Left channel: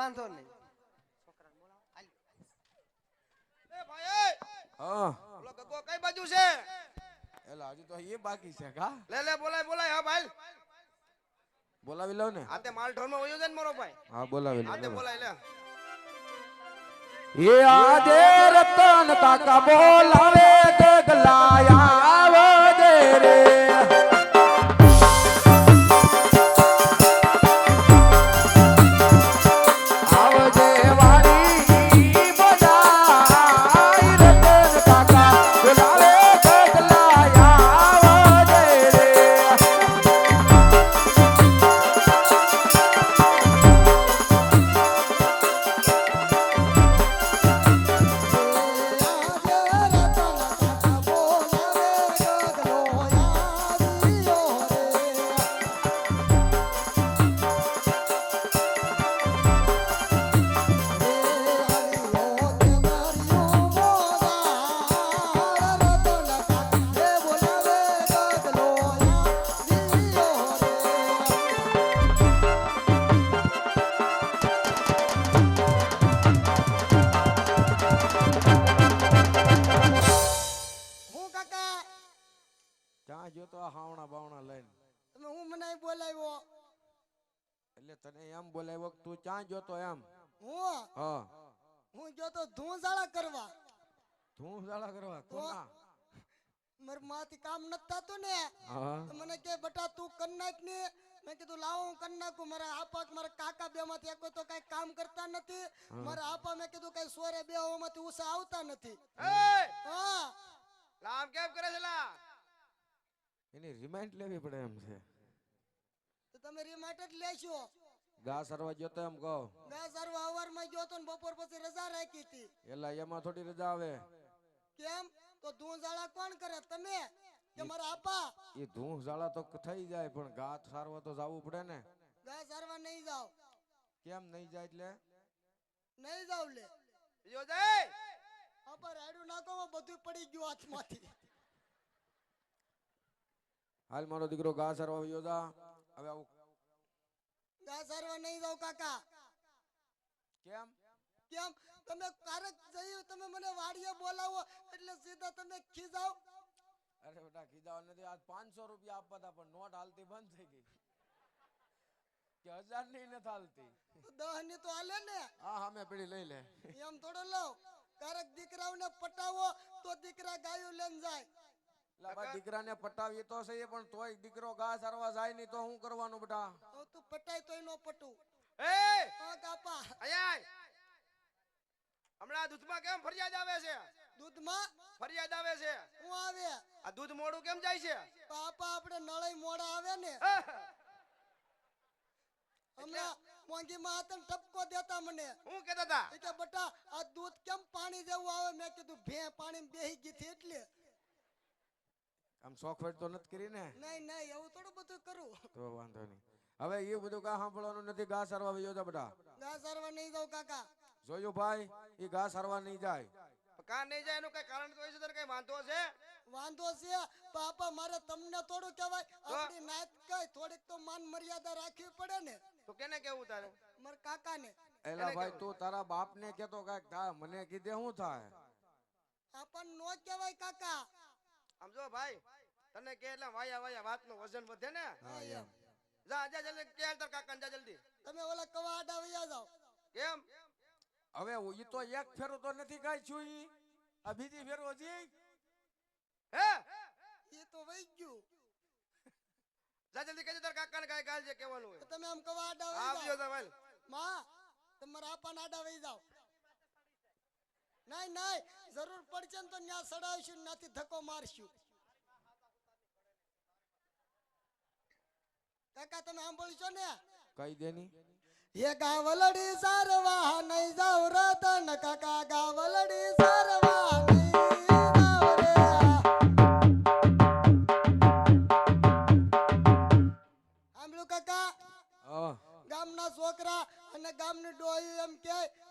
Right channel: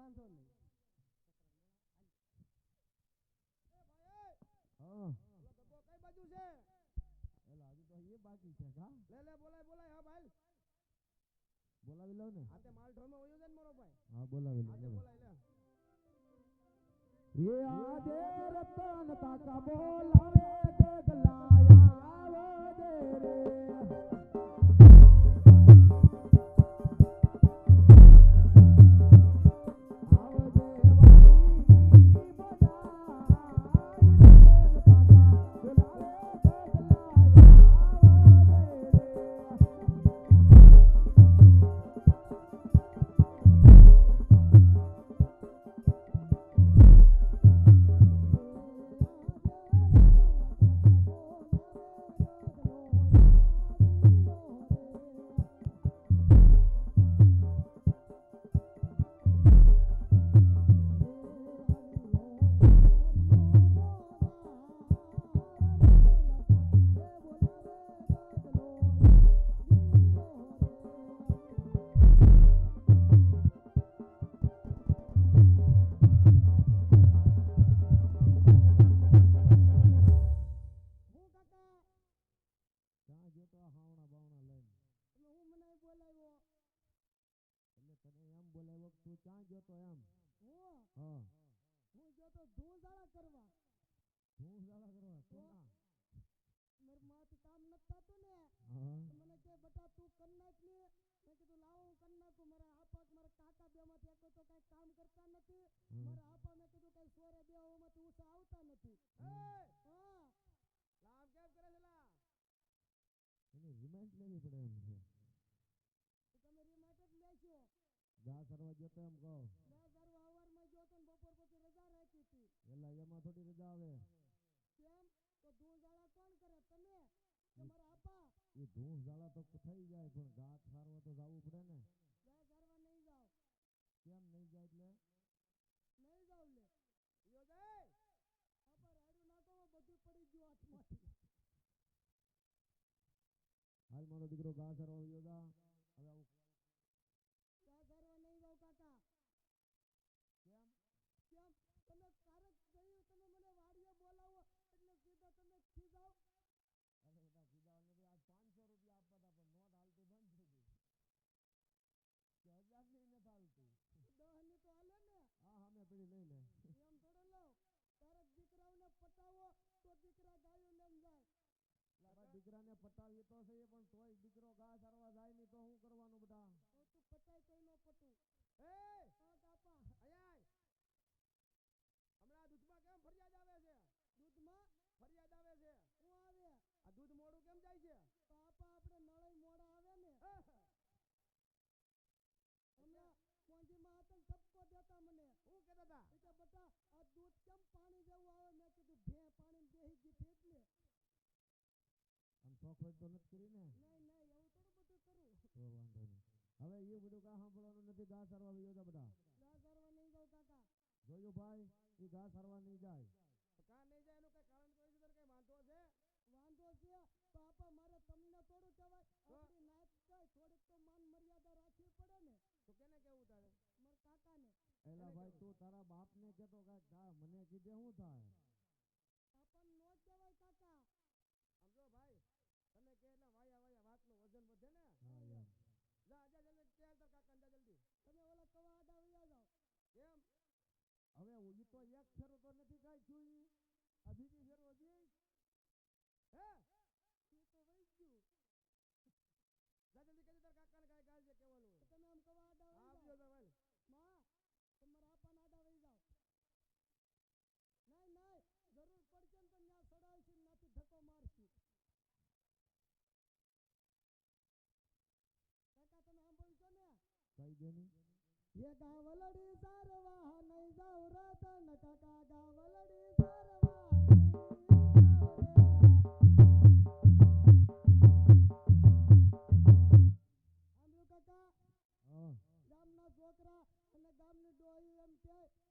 વાંધો નહીં. એ ભાઈ હા ઓલો ગગો કઈ બાજુ છે? એલા હજી તો એ બાકી છે કા લે બોલાય બોલાય. હા ભાઈ બોલાવી લઉં ને આતે માલ ઢોર માં વયો જાય ને મારો ભાઈ. હા બોલાવી આતે લઉં બોલાય લે. ये आजे रतन काका बोलावे गगलाया आवे दे रे आवजे वाली बोलाई रतन काका बोलावे गगलाया आवे दे रे હું કાકા ક્યાં જો તો હાવણા બાવણા લઈને તમે હું મને બોલાવ્યો? એટલે તને એમ બોલાવ્યો કે તું ક્યાં જોતો એમ હું હા હું ગયો તો ધૂંઝાળા કરવા. તું ઝાલા કરવા કોના માર માંથી કામ નત થાતું ને હા તો મને કે બેટા તું કર નાખ ને. મેં કીધું લાવો હું કર નાખું. મારા આપા મારા કાકા બે માંથી એક તો કઈ કામ કરતા નથી. મારા આપા મેં કીધું કઈ સોરે બે માંથી ઉસા આવતા નથી. હા લામ કેમ કરે છે લા? એની રિમાઇન્ડ લેવી પડે એમ છે તો તમે રિમાઇન્ડ જ લેશો. ગા સરવા જોતો એમ કહો ગા સર્વ હવારમાં ગયો તો ને બપોર પછી રજા રાખી હતી. એલા એમાં થોડી રજા આવે કેમ? તો ધૂંઝાળા કોણ કરે? તમે કે મારા આપા? એ ધૂં ઝાલા તો થઈ જાય પણ ગા સારવા તો જવું પડે ને ગા સર્વા નહીં જાવ. કેમ નહીં જાય એટલે નહીં જાવ લે જો જાય આપા રાડું નાખો બધું પડી ગયું હાથમાંથી. હાલ મારો દીકરો ગા સરવા યોજા હવે આવું ગા સર્વા નહીં જાવ કાકા. કેમ કેમ? તમે કારક જઈ તમે મને વાડીએ બોલાવો એટલે સીધા તમે ખીજાવ. અરે બેટા ખીજાવ નથી આજ 500 રૂપિયા આપવા હતા પણ નોટ હાલતી બંધ થઈ ગઈ કે 1000 ની નથી હાલતી 10 ની તો હાલે ને. હા હા મેં પેલી લઈ લે એમ થોડો લવ. કારક દીકરાઓને પટાવો તો દીકરા ગાયું લઈને જાય. લાબા દીકરાને પટાવી તો સહી પણ તોય દીકરો ગા સરવા જાય નહીં તો હું કરવાનું બેટા તો તું પટાય તોય નો પટું. એ હા કાપા આય હમણાં દૂધમાં કેમ ફરિયાદ આવે છે? દૂધમાં ફરિયાદ આવે છે. હું આવે આ દૂધ મોડું કેમ જાય છે? પાપા આપણે નળાઈ મોડા આવે ને. હમણાં મોંઘી માં તને ટપકો દેતા મને. હું કહેતા હતા એ કે બટા આ દૂધ કેમ પાણી જેવું આવે? મેં કીધું ભે પાણી બેહી ગઈ થી એટલે. આમ સોફ્ટવેર તો નથી કરી ને નહીં એવું થોડું બધું કરું. તો વાંધો નહીં હવે એ બધું કા સાંભળવાનું નથી ગા સરવા યોજા બેટા ગા સર્વા નહીં જાવ કાકા. જોયું ભાઈ એ ઘા સરવા નહીં જાય કા નહીં જાય એનું કઈ કારણ તો હોય છે? તને કઈ વાંધો છે? વાંધો છે પાપા મારે તમને થોડું કહેવાય. આપણી નાત કઈ થોડીક તો માન મર્યાદા રાખવી પડે ને. તો કેને કેવું તારે? મારા કાકાને. એલા ભાઈ તું તારા બાપ ને કેતો કાક થા મને કીધે શું થાય આપણને નો કહેવાય કાકા. આમ જો ભાઈ તને કે એટલે વાયા વાતનું વજન વધે ને. હા એમ જા જલ્દી કે તાર કાકાને જા જલ્દી. તમે ઓલા કવા આડા વયા જાવ. કેમ? હવે ઈ તો એક ફેરો તો નથી કાઈ છું ઈ આ બીજી ફેરો જી હે એ તો વઈ ગયું. જા જલ્દી કે તાર કાકાને કાઈ ગાલ છે કહેવાનું હોય. તમે આમ કવા આડા વઈ આવજો જાવ. તા ભાઈ માં તમારા આપાના આડા વઈ જાવ. નહીં જરૂર પડશે ને તો ન્યા સડાવશું ને નાથી ધક્કો મારશું. કાકા તમે સાંભળશો ને? કઈ દેની એ ગાવલડી સારવા નહીં જાવ રતન કાકા. ગાવલડી સારવા નહીં જાવ રે. સાંભળ્યું કાકા? ગામના છોકરા અને ગામની ડોહી એમ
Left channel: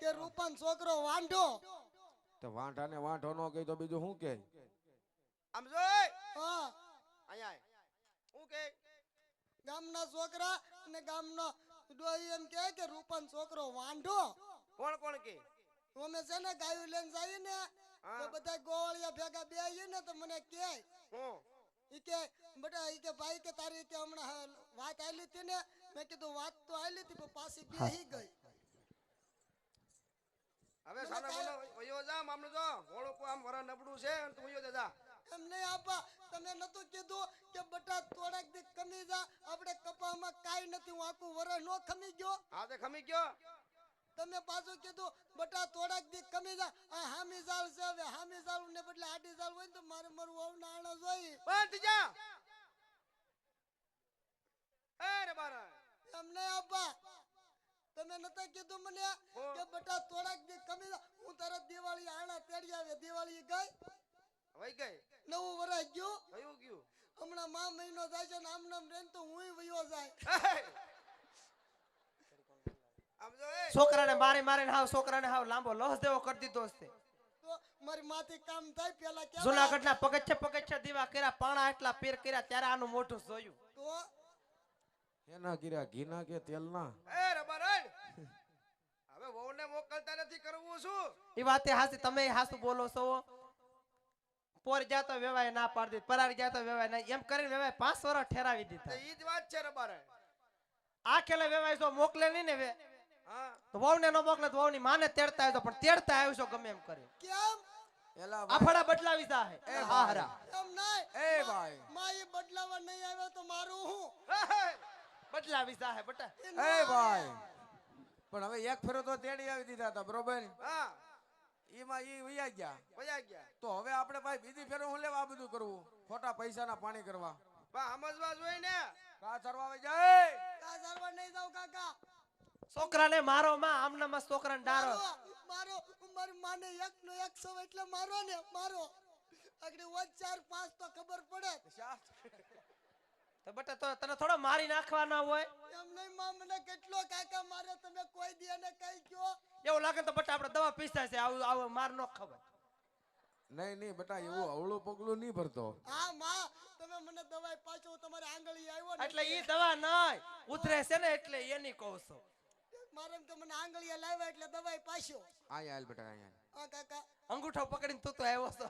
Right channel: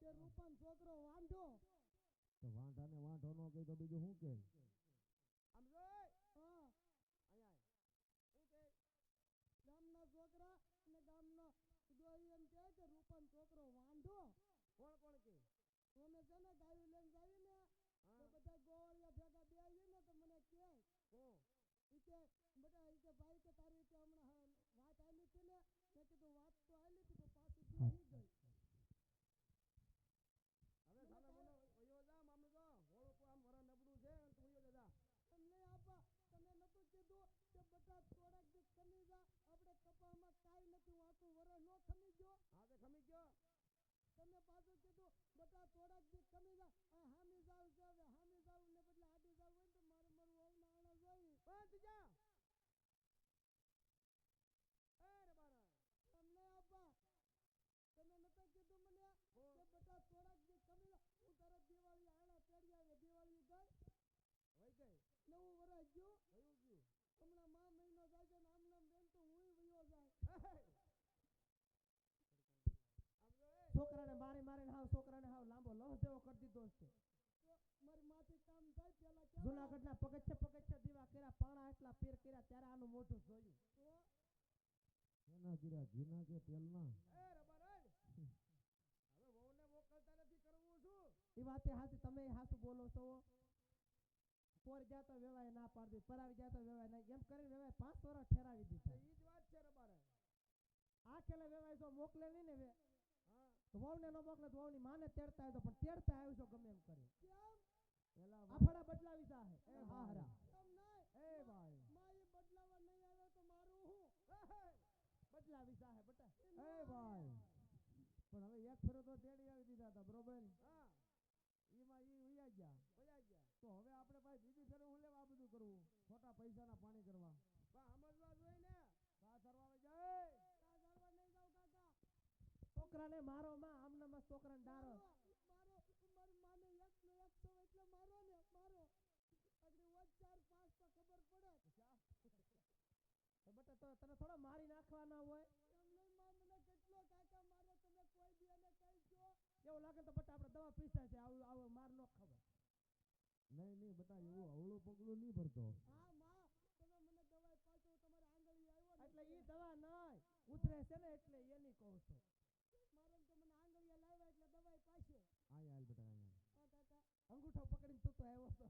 કે રૂપન છોકરો વાંઢો. તો વાંઢાને વાંઢો નો કહી તો બીજું શું કે આમ જોઈ હા અહીંયા હું કે ગામના છોકરા અને ગામનો ડોહી એમ કહે કે રૂપાનો છોકરો વાંઢો. કોણ કોણ કે અમે છે ને ગાયું લઈને જઈએ ને હા. તો બધા ગોવાળિયા ભેગા બેહીએ ને તો મને કહે હું ઈ કે બેટા ઈ કે ભાઈ કે તારી કે હમણાં વાત આલી હતી ને મેં કીધું વાત તો આલી હતી પણ પાછી બેહી ગઈ. હવે સાનો બોલો વયો જા મામલો જો ઓળો કો આમ વરા નબળું છે અને તું વયો જા એમ નહીં આપા તમે નતું કીધું કે બેટા થોડાક દી કમી જા આપણે કપામાં કાઈ નથી હું આખું વરસ નો ખમી ગયો. હા તે ખમી ગયો તમે પાછું કીધું બેટા થોડાક દી કમી જા આ હામી જાળ છે હવે હામી જાળ ને બદલે આડી જાળ હોય ને તો મારે મારું વહુના આણા જોઈ. બંધ જા એ રે બારા એમ નહીં આપા તમે નતા કીધું મને કે બેટા થોડાક દી કમી જા હું તરત દિવાળી આણા તેડી આવે. દિવાળી ગઈ વઈ ગઈ નવું વરસ ગયું કયું ગયું હમણાં મા મહિનો જાય છે ને આમ નામ રેન તો હુંય વયો જાય. આમ જો એ છોકરાને મારીને હાવ છોકરાને હાવ લાંબો લોસ દેવો કરી દીધો છે. તો મારી માથી કામ થાય પેલા કે જુનાગઢના પગથિયે દીવા કર્યા, પાણા એટલા પીર કર્યા, ત્યારે આનું મોઢું જોયું. તો એના કર્યા ઘીના કે તેલના એ રે બારા હવે વહુને મોકલતા નથી કરવું શું એ વાતે હાસી, તમે હાસુ બોલો છો. પોર જાતો વેવાય ના પાડી દીધી, પરારી જાતો વેવાય ના, એમ કરીને વેવાય 5 વર્ષ ઠેરાવી તે દીધા. ઈ જ વાત છે રે બારા આ ખેલે વેવાય જો મોકલે નહીં ને હા તો વહુને ન મોકલે તો વહુની માને તેડતા આવ્યો, પણ તેડતા આવ્યો છો ગમે એમ કરી. કેમ એલા આફડા બદલાવી જાહે. એ હા હરા એમ નહીં એ ભાઈ માં ઈ બદલાવા નહીં આવ્યો તો મારું હું બદલાવી જાહે બટા. ઈ નો એ આવે. ભાઈ પણ હવે એક ફેરો તો તેડી આવી દીધા હતા બરોબર. હા ઈમાં ઈ વયા ગયા વયા ગયા તો હવે આપણે ભાઈ બીજી ફેરો હું લેવા આ બધું કરવું, ખોટા પૈસાના પાણી કરવા. બા સમજવા જોઈએ ને કા ચરવા આવી જાય કા સારવાર નહીં જાવ કાકા. છોકરાને મારો માં, આમનામાં છોકરાને ડારો. મારો મારી માને એક નો 100 એટલે મારો ને મારો આગળ વધ 4 5 તો ખબર પડે. તો બટા તો તને થોડો મારી નાખવાના હોય. એમ નહીં માં મને કેટલો કાકા મારે તમે કોઈ દી એને કઈ કયો. એવું લાગે તો બટા આપણે દવા પીસા છે, આવું આવું માર નો ખબર. નહીં નહીં બેટા એવું અવળું પગલું નહીં ભરતો. હા માં તમે મને દવાઈ પાછો તમારે આંગળી આવ્યો ને એટલે ઈ દવા નહીં ઉતરે છે ને એટલે એની કહું છું. મારે એમ કે મને આંગળીએ લાવ્યા એટલે દવાઈ પાછો. આયા હાલ બેટા આયા. હા કાકા અંગૂઠો પકડીને તું તો આવ્યો છો.